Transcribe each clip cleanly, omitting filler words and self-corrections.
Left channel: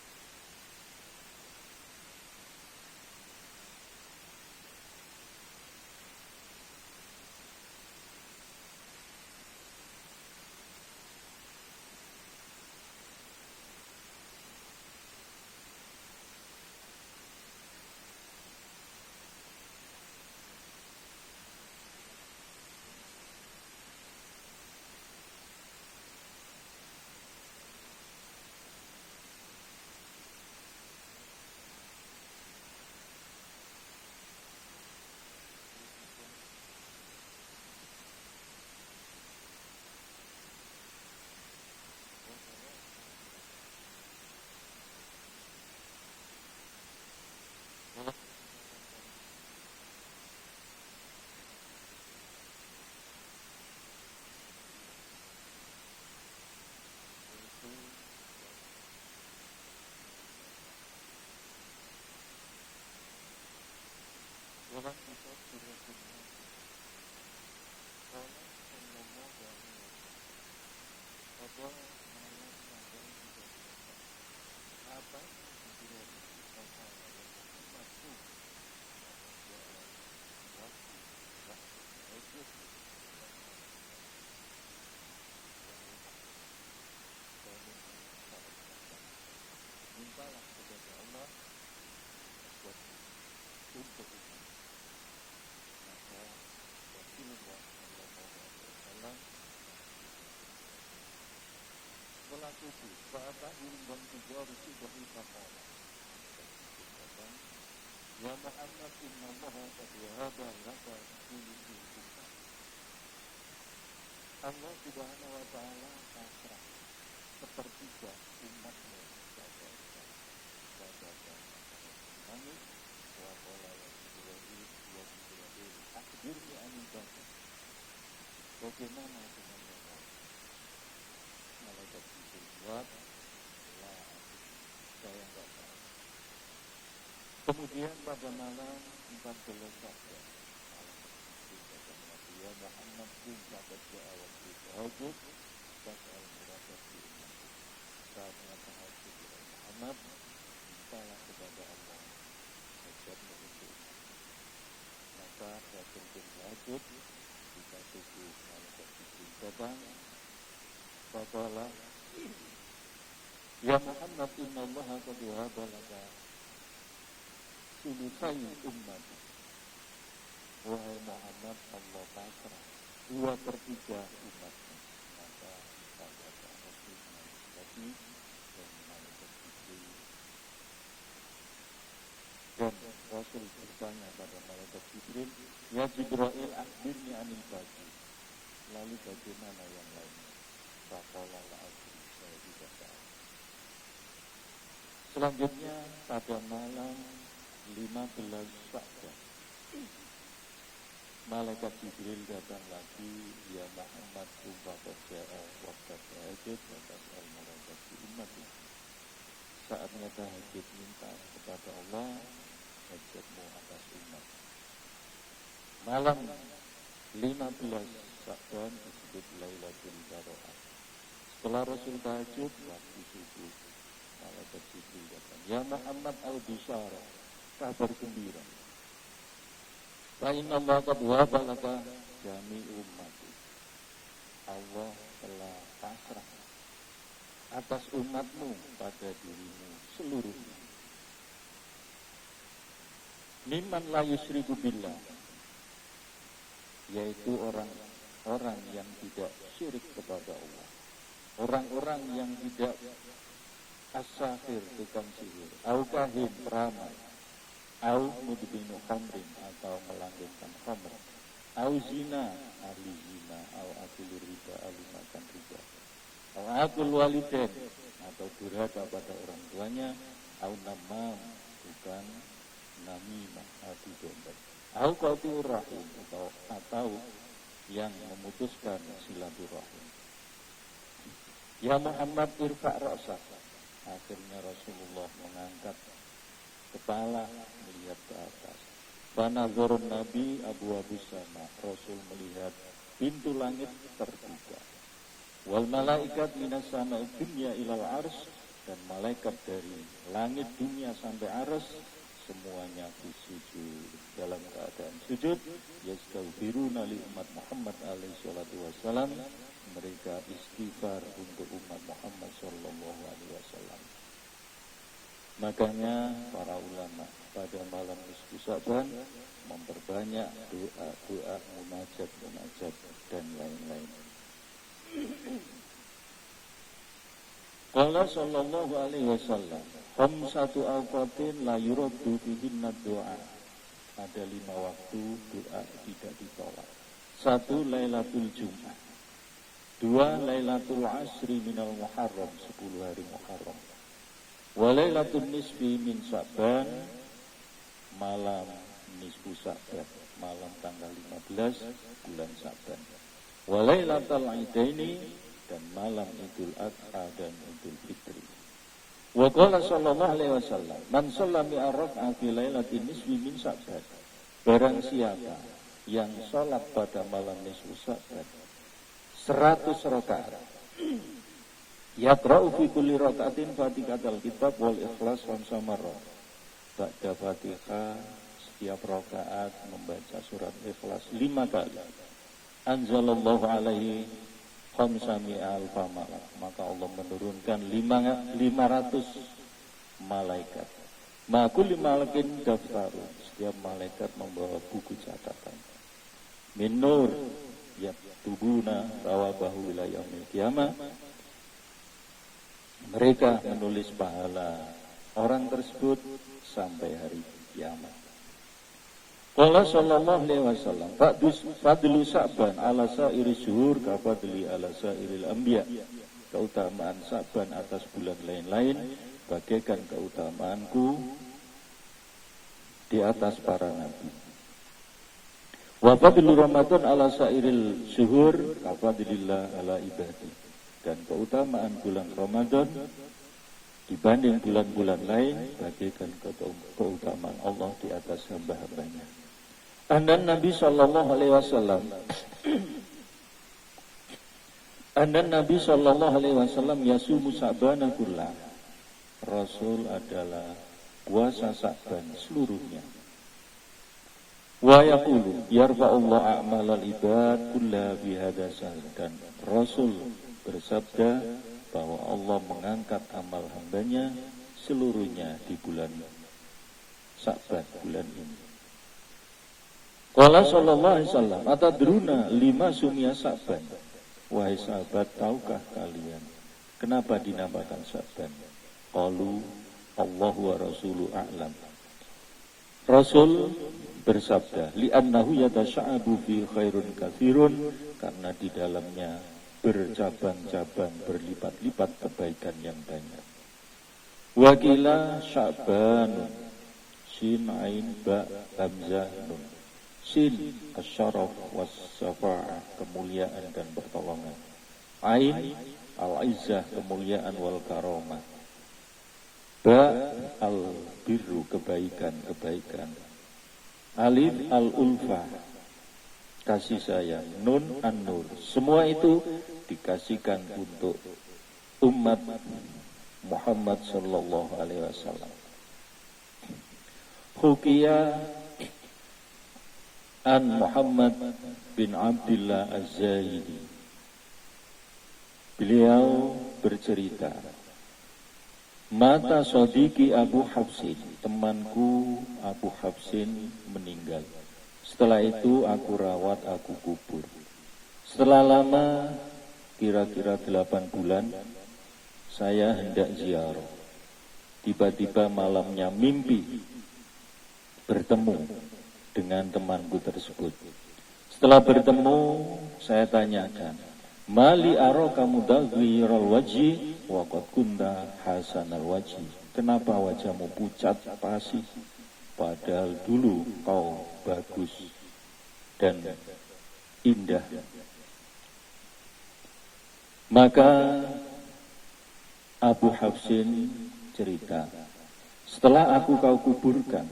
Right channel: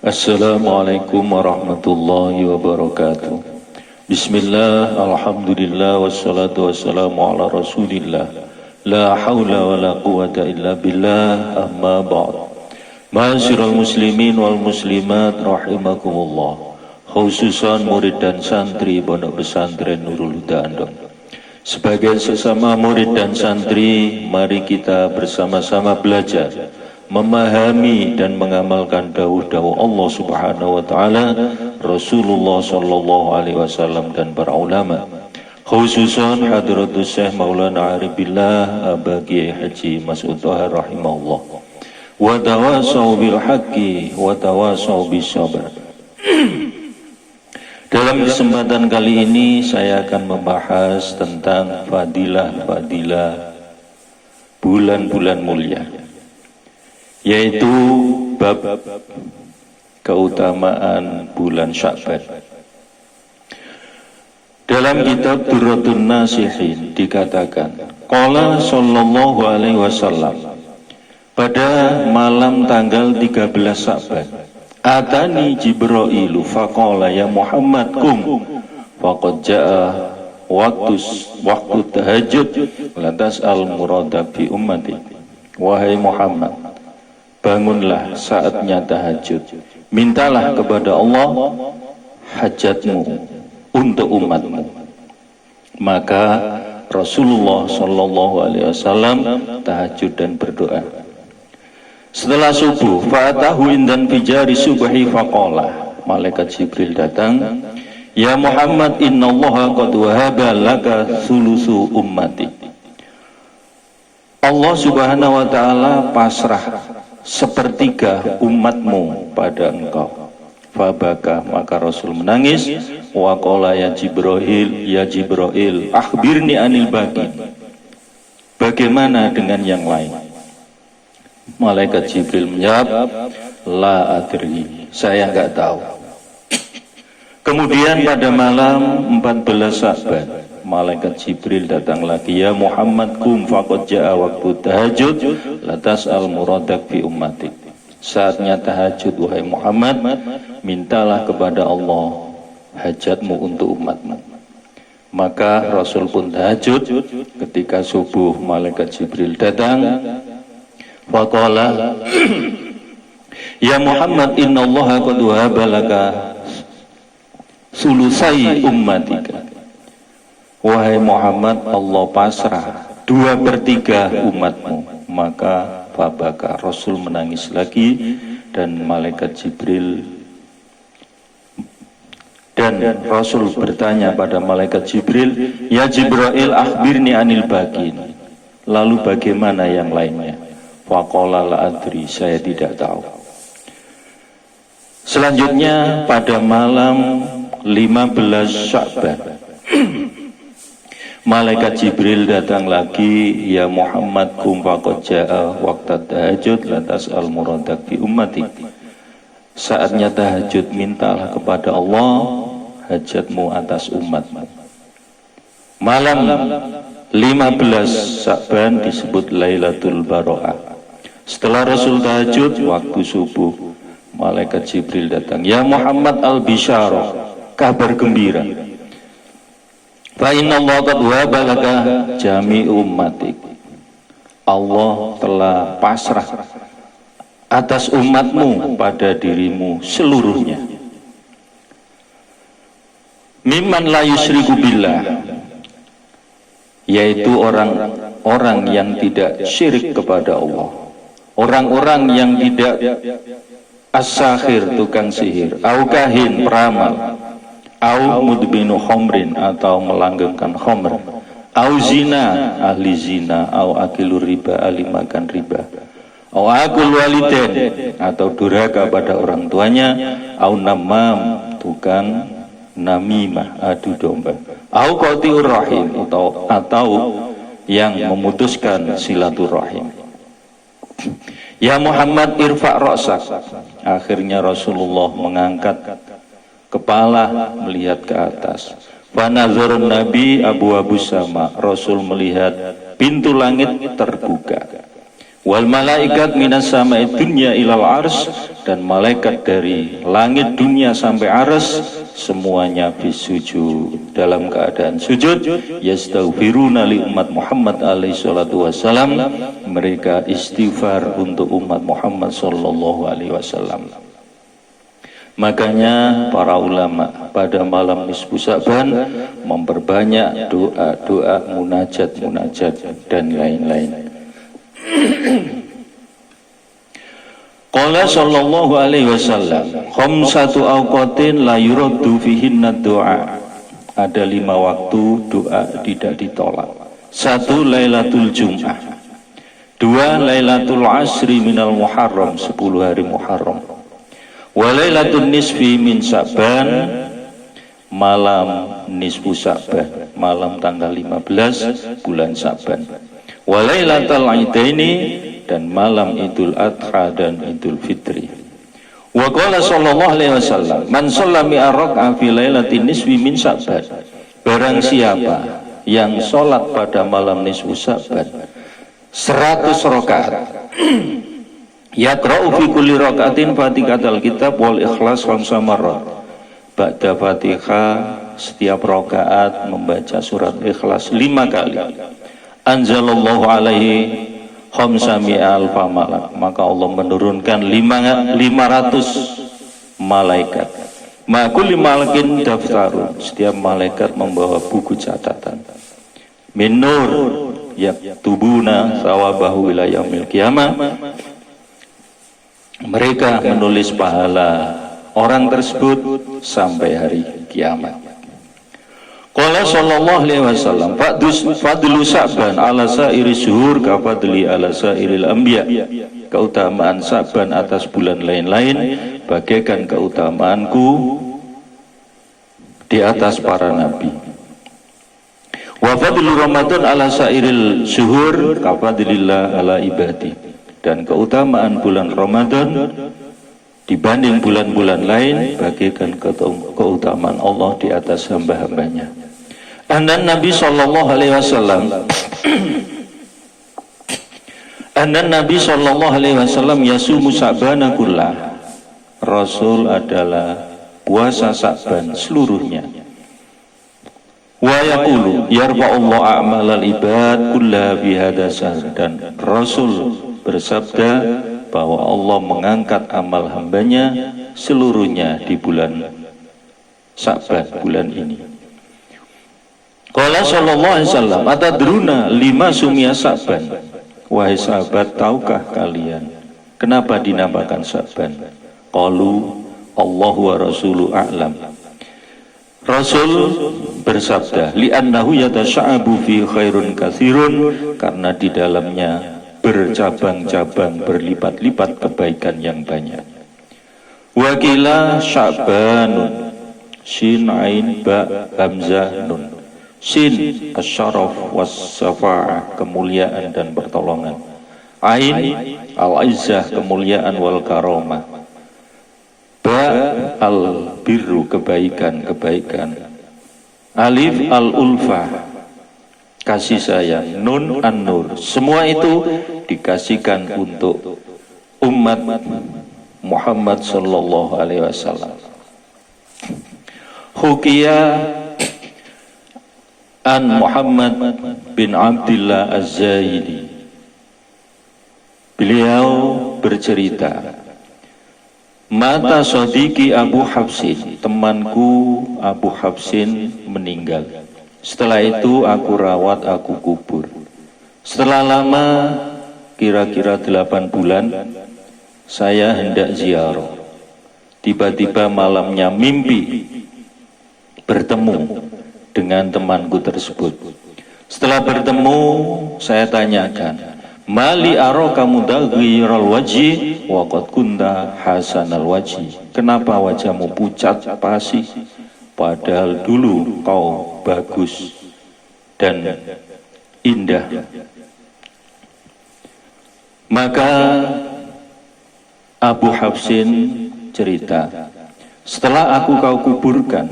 Assalamualaikum warahmatullahi wabarakatuh. Bismillah, alhamdulillah, wassalatu wassalamu ala rasulillah. La hawla wa la quwata illa billah, amma ba'd. Ma'asyiral muslimin wal muslimat rahimakumullah. Khususan murid dan santri Pondok Pesantren Nurul Huda Andong. Sebagai sesama murid dan santri, mari kita bersama-sama belajar, memahami dan mengamalkan dawuh-dawuh Allah Subhanahu wa taala, Rasulullah sallallahu alaihi wasallam dan para ulama. Khususan Hadratus Syekh Maulana Arif Billah Abagi Haji Mas'ud Thahar rahimahullah. Wa tawasau bil haqqi wa tawasau bis sabr. Dalam kesempatan kali ini saya akan membahas tentang fadilah-fadilah bulan-bulan mulia, yaitu bab keutamaan bulan Sya'ban. Dalam kitab Durratun Nasihin dikatakan, qala sallallahu alaihi wasallam, pada malam tanggal 13 Sya'ban, atani Jibrailu faqala ya Muhammad kum faqad jaa waktu tahajud lantas al murada bi ummati. Wahai Muhammad, bangunlah saatnya tahajud, mintalah kepada Allah hajatmu untuk umatmu. Maka Rasulullah sallallahu alaihi wasallam tahajud dan berdoa. Setelah subuh, fa'atahu indan fijari subhi faqala, malaikat Jibril datang, ya Muhammad, innallaha qad wahaba laka thulutsu ummati. Allah Subhanahu wa taala pasrah sepertiga umatmu pada engkau. Fabaka, maka Rasul menangis. Wa qala ya Jibril, akhbirni anil baqi. Bagaimana dengan yang lain? Malaikat Jibril menjawab, la adri, saya enggak tahu. Kemudian pada malam 14 Sya'ban, malaikat Jibril datang lagi, ya Muhammad kum faqad jaa waktu tahajud latas al muradak fi ummatik. Saatnya tahajud wahai Muhammad, mintalah kepada Allah hajatmu untuk umatmu. Maka Rasul pun tahajud. Ketika subuh malaikat Jibril datang, faqala ya Muhammad, innallaha qad wahaba laka sulusai ummatika. Wahai Muhammad, Allah pasrah 2/3 umatmu. Maka fabaka, Rasul menangis lagi dan malaikat Jibril, dan Rasul bertanya pada malaikat Jibril, ya Jibril, akhbirni anil baqin. Lalu bagaimana yang lainnya? Faqala la adri, saya tidak tahu. Selanjutnya pada malam 15 Sya'ban, malaikat Jibril datang lagi, ya Muhammad kum faqad jaa waqta tahajud lantas al muradak bi ummatik. Saatnya tahajud, mintalah kepada Allah hajatmu atas umatmu. Malam 15 Sya'ban disebut Lailatul Baro'ah. Setelah Rasul tahajud, waktu subuh, malaikat Jibril datang, ya Muhammad al-bisyarah, kabar gembira. Fa inna Allah qad wahaba laka jami'u ummatik. Allah telah pasrah atas umatmu pada dirimu seluruhnya. Mimman la yusyriku billah, yaitu orang-orang yang tidak syirik kepada Allah. Orang-orang yang tidak as-sahir, tukang sihir, au kahin, peramal, au mudbinu khomrin, atau melanggengkan khomer, au zina, ahli zina, au akilur riba, ahli makan riba, au akul waliden, atau durhaka pada orang tuanya, au namam, tukang namimah, adu domba, au qati'ur rahim, atau yang memutuskan silaturahim. Ya Muhammad, irfa' ra'sak. Akhirnya Rasulullah mengangkat kepala melihat ke atas. Fa nazarun Nabi abu sama. Rasul melihat pintu langit terbuka. Wal malaikat minas sama'i dunya ilal ars, dan malaikat dari langit dunia sampai aras semuanya bisujud, dalam keadaan sujud. Yastaghfiruna li umat Muhammad alaihi salatu wassalam, mereka istighfar untuk umat Muhammad sallallahu alaihi wasallam. Makanya para ulama pada malam nisfu Sya'ban memperbanyak doa-doa, munajat-munajat dan lain-lain. Qala sallallahu alaihi wasallam, khamsatu awqatin la yuraddu fihinna doa. Ada 5 waktu doa tidak ditolak. 1. Lailatul Jum'ah. 2. Lailatul Asri minal Muharram, 10 hari Muharram. Wa lailatul nisfi min Sya'ban, malam nisfu Sya'ban, malam tanggal 15 bulan Sya'ban. Wa lailatul Idaini, dan malam Idul Adha dan Idul Fitri. Wa qala sallallahu alaihi wasallam, man shalla mi'a rak'ah fi lailatin nisfi min Sya'ban, barang siapa yang sholat pada malam nisfu Sya'ban 100 rakaat, yaqra'u fi kulli raka'atin fatihatal kitab wal ikhlas khamsa marrat. Ba'da Fatihah setiap rakaat membaca surat Ikhlas 5 kali. Anzalallahu alaihi khamsami'a alfa malak, maka Allah menurunkan 500 malaikat. Ma kulli malakin daftarun, setiap malaikat membawa buku catatan. Min nur yaktubuna thawabahu ila yaumil qiyamah, mereka menulis pahala orang tersebut sampai hari kiamat. Qala sallallahu alaihi wasallam, fadlu Sya'ban ala sa'iri syuhur ka fadli ala sa'iril anbiya. Keutamaan Sya'ban atas bulan lain-lain bagaikan keutamaanku di atas para nabi. Wa fadlu Ramadan ala sa'iril syuhur ka fadlillah ala ibadi. Dan keutamaan bulan Ramadan dibanding bulan-bulan lain bagaikan keutamaan Allah di atas hamba-hambanya. Dan Nabi sallallahu alaihi wasallam Nabi sallallahu alaihi wasallam yasumu Sya'bana kullah. Rasul adalah puasa Sya'ban seluruhnya. Wa yaqulu yarfa'ullahu a'malal ibad kullaha bi hadza syahr, dan Rasul bersabda bahwa Allah mengangkat amal hambanya seluruhnya di bulan Sya'ban, bulan ini. Qala sallallahu alaihi wasallam, atadruna lima sumia Sya'ban, wahai sahabat, tahukah kalian kenapa dinamakan Sya'ban? Qalu Allahu wa rasulu a'lam. Rasul bersabda, li'annahu yatasya'abu fi khairun katsirun, karena di dalamnya bercabang-cabang, berlipat-lipat kebaikan yang banyak. Wakila Sya'banun, Shin Ain Ba Hamzah Nun. Shin asyaraf was safa'ah, kemuliaan dan pertolongan. Ain al-izzah, kemuliaan wal karomah. Ba al-birru, kebaikan-kebaikan. Alif al-ulfah, kasih sayang. Nun an-nur, semua itu dikasihkan untuk umat Muhammad sallallahu alaihi wasallam. Hukiya an Muhammad bin Abdullah Az-Zahidi, beliau bercerita, mata sodiki Abu Hafsin, temanku Abu Hafsin meninggal. Setelah itu aku rawat, aku kubur. Setelah lama, kira-kira 8 bulan, saya hendak ziarah. Tiba-tiba malamnya mimpi bertemu dengan temanku tersebut. Setelah bertemu, saya tanyakan, mali aro kamu daghiral wajhi wa qad kunta hasanal wajhi. Kenapa wajahmu pucat pasi, padahal dulu kau bagus dan indah. Maka Abu Hafsin cerita, setelah kau kuburkan,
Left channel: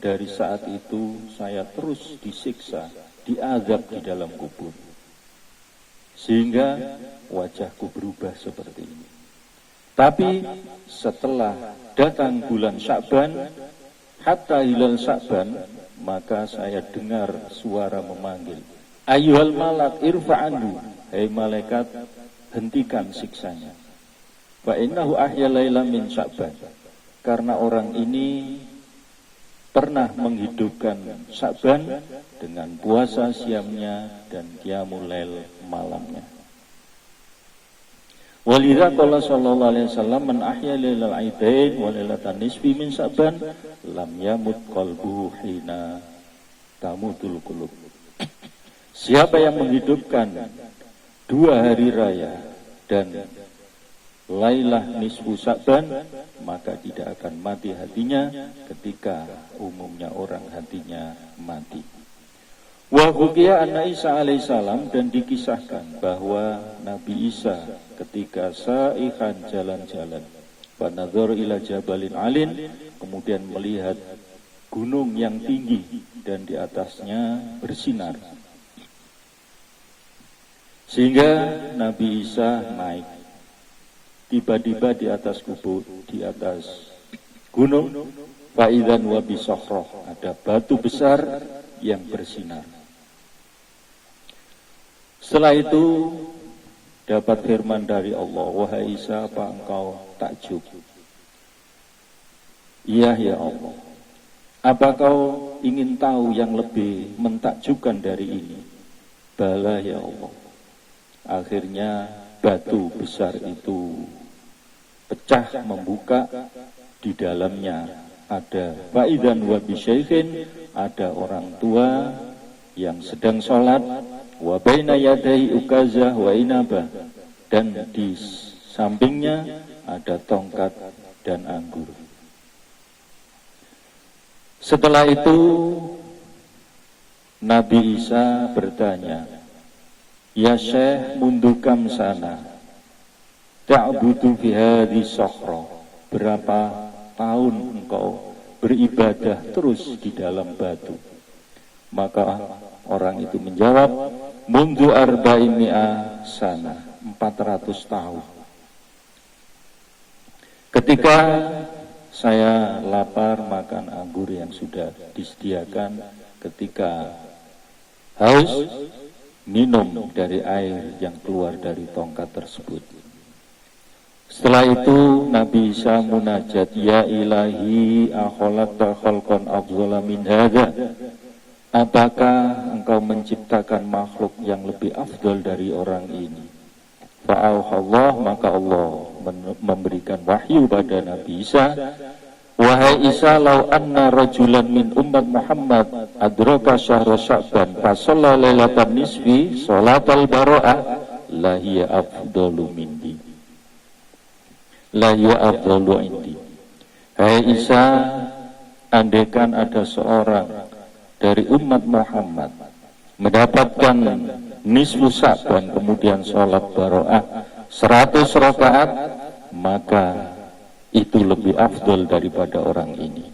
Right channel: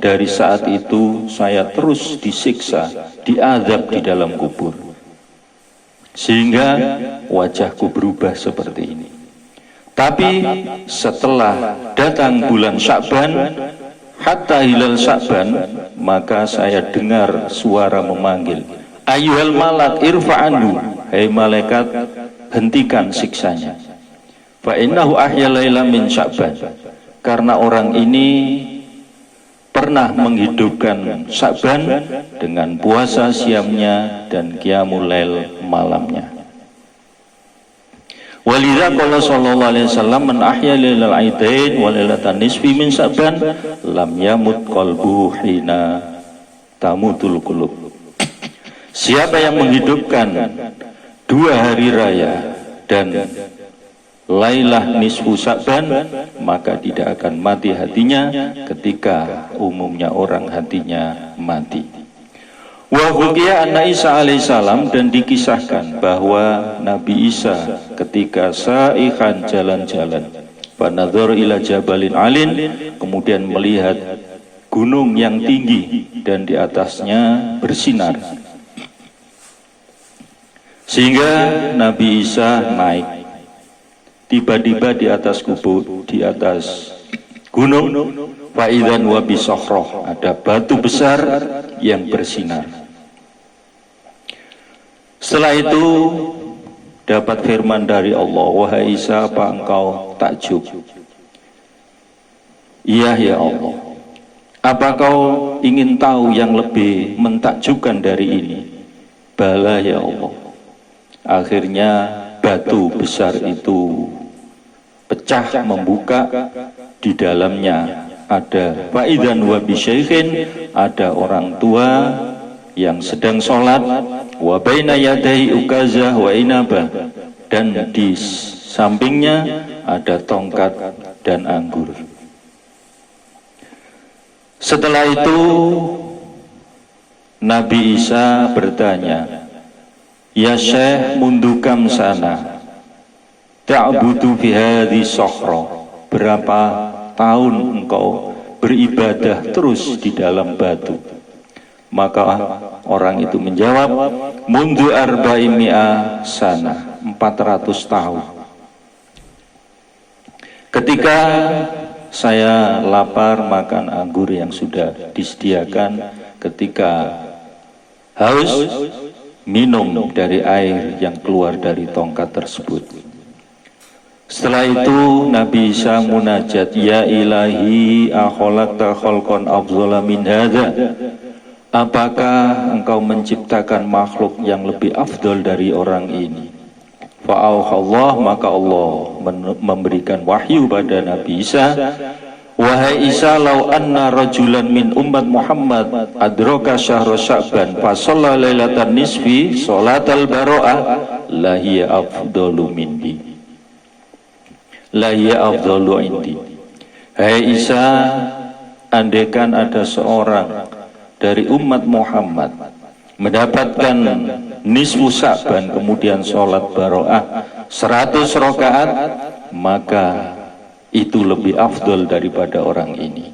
dari saat itu saya terus disiksa, diazab di dalam kubur, sehingga wajahku berubah seperti ini. Tapi setelah datang bulan Sya'ban, hatta hilal Sya'ban, maka saya dengar suara memanggil, ayyuhal malak irfa'anhu, hai malaikat, hentikan siksanya. Fa innahu ahya laila min Sya'ban, karena orang ini pernah menghidupkan Sya'ban dengan puasa siamnya dan qiyamul lail malamnya. Walidha qala sallallahu alaihi wasallam man ahya lailal aidain wa lailatan nisfi min Sya'ban lam yamut qalbuhu hina tamutul qulub. Siapa yang menghidupkan 2 hari raya dan Lailah nisfu Sya'ban, maka tidak akan mati hatinya ketika umumnya orang hatinya mati. Wa hukiya anna Isa alaihissalam, dan dikisahkan bahwa Nabi Isa ketika sa'ihan jalan-jalan, fanadhar ila jabalin alin, kemudian melihat gunung yang tinggi dan di atasnya bersinar, sehingga Nabi Isa naik. Tiba-tiba di atas kubur, di atas gunung, fa'idzan wa bisokhroh, ada batu besar yang bersinar. Setelah itu dapat firman dari Allah, wahai Isa, apa engkau takjub? Iya ya Allah. Apa kau ingin tahu yang lebih mentakjubkan dari ini? Bala ya Allah. Akhirnya batu besar itu pecah, membuka, di dalamnya ada fa'idzan wa bisyaikhin, ada orang tua yang sedang sholat, wa baina yadai ukazah wa inabah, dan di sampingnya ada tongkat dan anggur. Setelah itu Nabi Isa bertanya, ya Syekh, mundu kam sana ta'budu fi hadhi sokhra, berapa tahun engkau beribadah terus di dalam batu? Maka orang itu menjawab, mundu arba'imi'a sana, 400 tahun. Ketika saya lapar, makan anggur yang sudah disediakan. Ketika haus, minum dari air yang keluar dari tongkat tersebut. Setelah itu Nabi Isa munajat, ya ilahi akholakta kholqan afdhala min hadha, apakah engkau menciptakan makhluk yang lebih afdal dari orang ini? Fa'auhallah, maka Allah memberikan wahyu pada Nabi Isa, wahai Isa, lau anna rajulan min umat Muhammad adraka syahra Sya'ban fa shalla lailatan nisfi sholatal bara'ah lahiya afdalu mindi, lahiya afdalu indi. Hai Isa, andaikan ada seorang dari umat Muhammad mendapatkan nisfu Sya'ban kemudian sholat bara'ah 100 rakaat, maka itu lebih afdal daripada orang ini.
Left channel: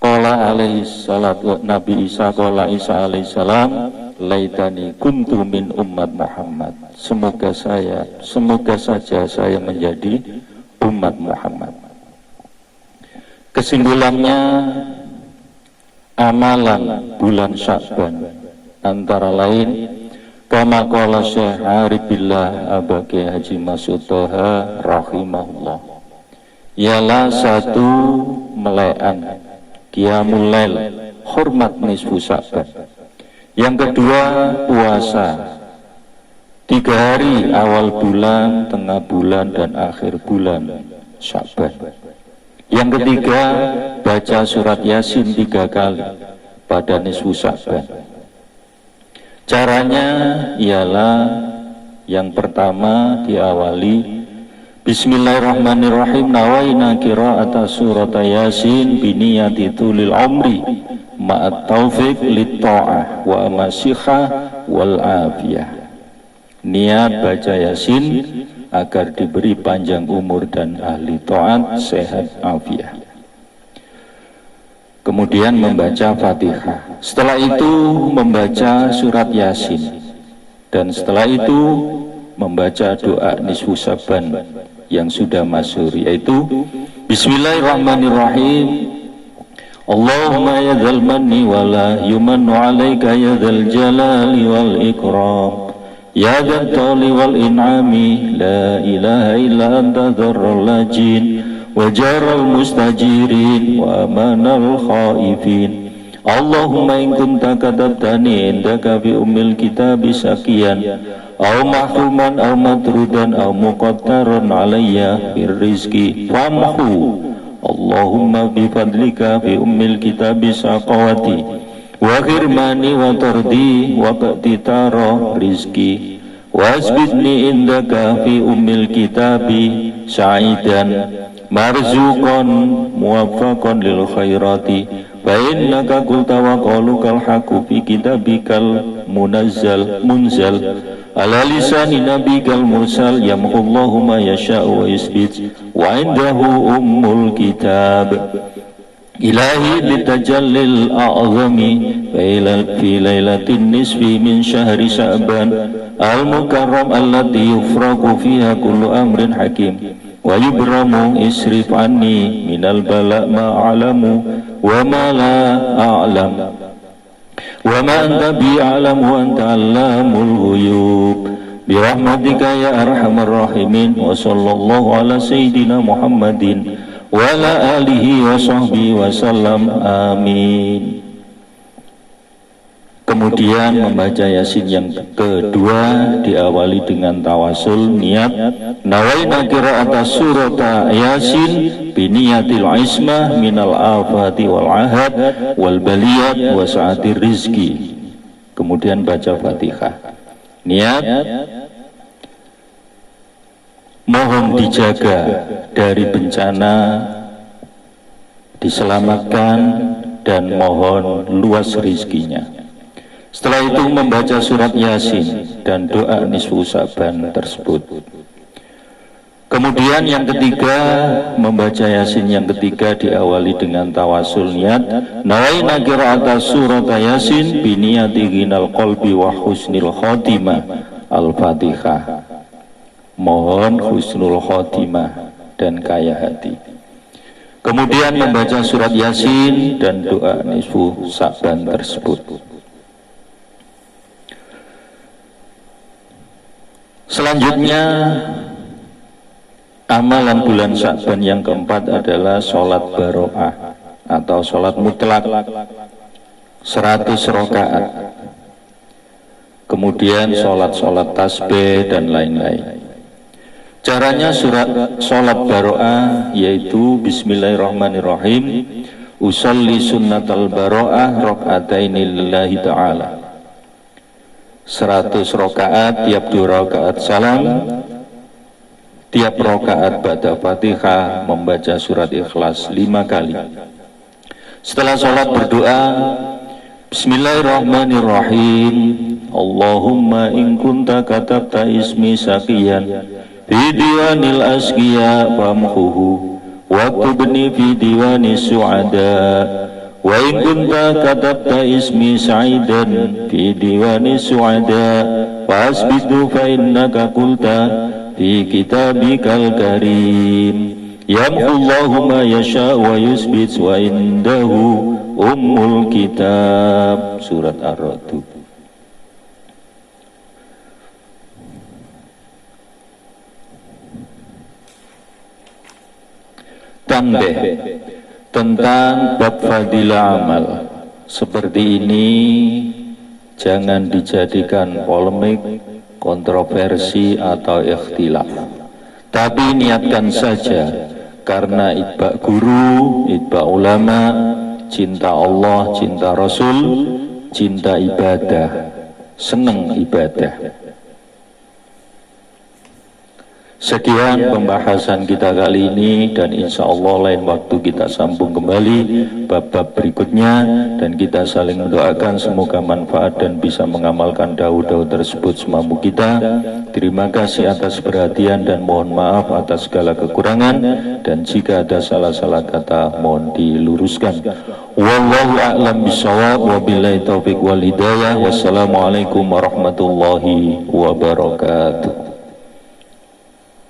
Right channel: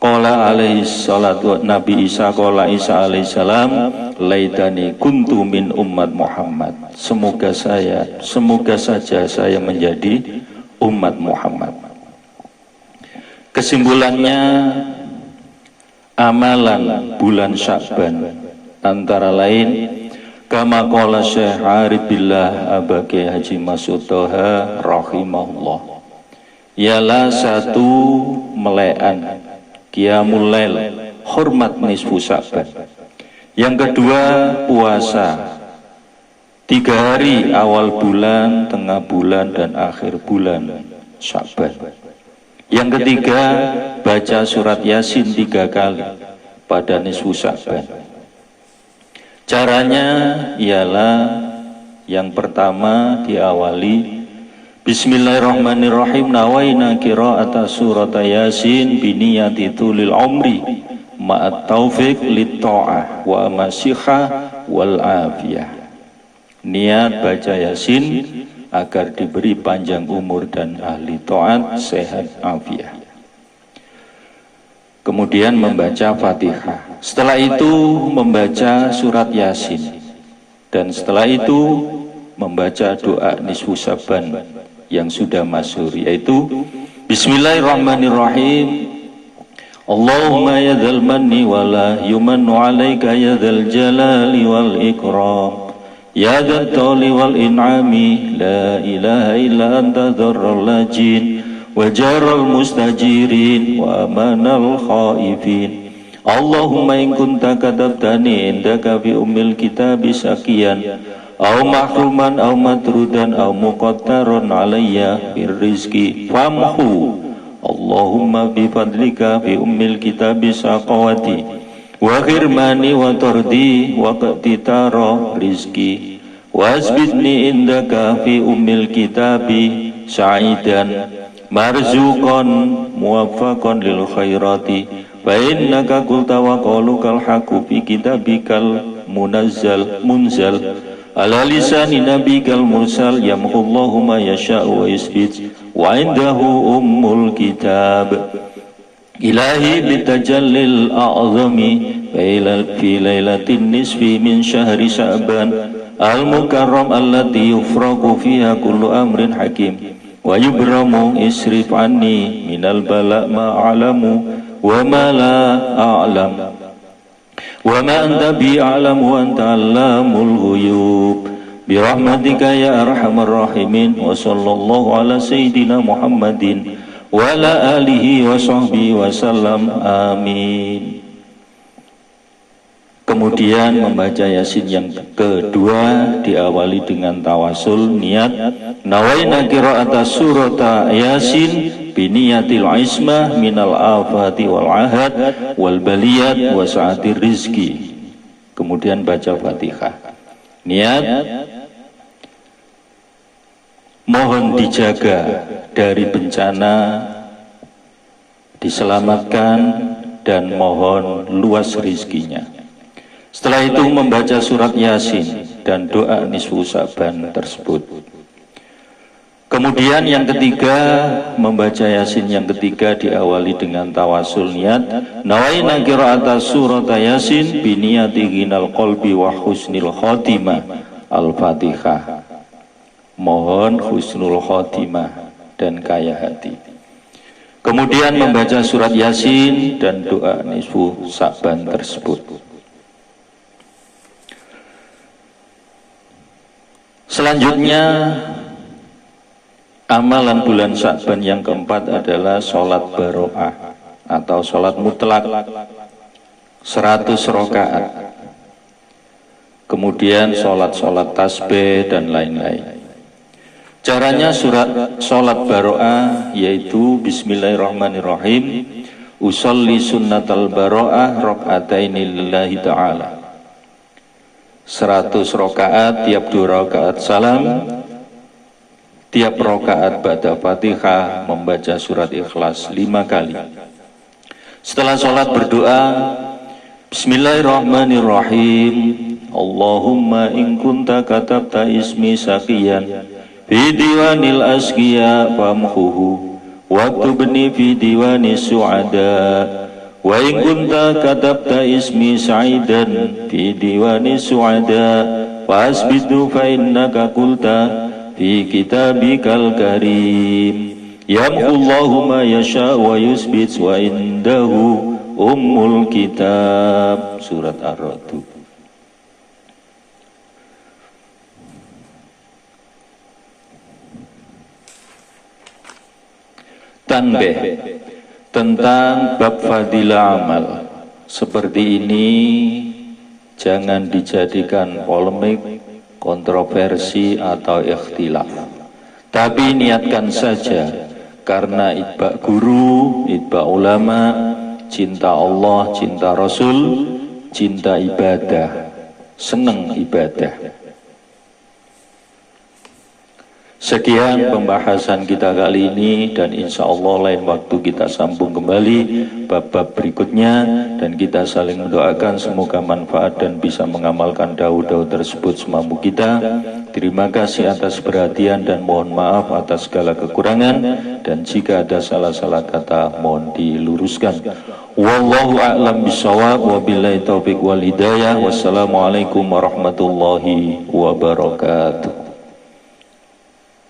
Qala alaihi salatu, Nabi Isa, qala Isa alaihi salam, laitani kuntu min umat Muhammad, semoga saja saya menjadi umat Muhammad. Kesimpulannya, amalan bulan Sya'ban antara lain kama qala Syekh Arif Billah Abaki Haji Masud Toha rahimahullah, ialah satu melean qiyamul lail, hormat nisfu Sya'ban. Yang kedua, puasa 3 hari awal bulan, tengah bulan, dan akhir bulan Sya'ban. Yang ketiga, baca surat Yasin 3 kali pada nisfu Sya'ban. Caranya ialah yang pertama diawali Bismillahirrahmanirrahim, nawaina qira'ata surat Yasin biniyati tulil umri ma'at taufiq litta'ah wa masihah wal afiyah. Niat baca Yasin agar diberi panjang umur dan ahli ta'at, sehat, afiah. Kemudian membaca Fatihah. Setelah itu membaca surat Yasin. Dan setelah itu membaca doa nisfu Sya'ban yang sudah masyhur, yaitu Bismillahirrahmanirrahim. Allahumma ya dzal manni wa la yumannu 'alaika ya dzal jalali wal ikram ya dzal tawli wal in'ami la ilaha illa anta dzarral lajin wa jaral mustajirin wa amanal khaifin. Allahumma in kunta katabtani indaka fi ummil kitabi sakiyan aw mahruman aw matrudan aw muqattaran alayya birrizqi famhu. Allahumma bifadlika fi ummil kitabi saqawati wa khirmani wa tardi wa qtitara rizki wa asbitni indaka fi ummil kitabi sa'idan marzuqan muwaffaqan lil khairati fa innaka qulta wa qawlukal haqqu fi kitabikal munzal ala lisani nabikal mursal yamhullahu ma yasha'u wa yusbit wa indahu ummul kitab. Ilahi bitajallil a'zami fi lailatin nisfi min syahri sya'ban al-mukarram allati yufraqu fiha kullu amrin hakim wa yubramu isrif anni minal bala' ma'alamu wa ma la a'lam wa ma anta bi'alam wa anta allamul ghuyub birahmatika ya arhamar rahimin wa sallallahu ala sayyidina Muhammadin wa ala alihi wa sahbihi wa sallam, amin. Kemudian membaca Yasin yang kedua diawali dengan tawasul niat nawaina qira'ata surata Yasin biniyatil ismah minal afati wal ahad wal baliyat wa sa'atir rizki. Kemudian baca Fatihah. Niat mohon dijaga dari bencana, diselamatkan dan mohon luas rizkinya. Setelah itu membaca surat Yasin dan doa nisfu Sa'ban tersebut. Kemudian yang ketiga, membaca Yasin yang ketiga diawali dengan tawasul niat nawaina qira'ata surat Yasin biniyati ghinal qalbi wa husnil khotimah. Al-Fatihah. Mohon husnul khotimah dan kaya hati. Kemudian membaca surat Yasin dan doa nisfu Sa'ban tersebut. Selanjutnya amalan bulan Sya'ban yang keempat adalah sholat baro'ah atau sholat mutlak 100 rakaat. Kemudian sholat tasbih dan lain-lain. Caranya sholat baro'ah yaitu Bismillahirrahmanirrahim. Usolli sunnatal baro'ah rok'ataini lillahi ta'ala. 100 rakaat, tiap 2 rakaat salam, tiap rakaat ba'da Fatihah membaca surat Ikhlas 5 kali. Setelah sholat berdoa Bismillahirrahmanirrahim. Allahumma in kunta katabta ismi saqiyan fi diwanil asqiya famhuhu waktubni fi diwani su'ada wa in kunta katabta ismi sa'idan fi diwani su'ada fasbitu fa innaka qulta fi kitabikal karim yamhullahu ma yasha wa yusbit wa indahu ummul kitab. Surat Ar-Ra'd. Tanbih tentang bab fadilah amal seperti ini jangan dijadikan polemik, kontroversi atau ikhtilaf, tapi niatkan saja karena itba guru, itba ulama, cinta Allah, cinta Rasul, cinta ibadah, senang ibadah. Sekian pembahasan kita kali ini dan insya Allah lain waktu kita sambung kembali bab-bab berikutnya dan kita saling mendoakan semoga manfaat dan bisa mengamalkan daud-daud tersebut semampu kita. Terima kasih atas perhatian dan mohon maaf atas segala kekurangan dan jika ada salah-salah kata mohon diluruskan. Wallahu a'lam bishawab wa billahi taufiq wal hidayah. Wassalamualaikum warahmatullahi wabarakatuh.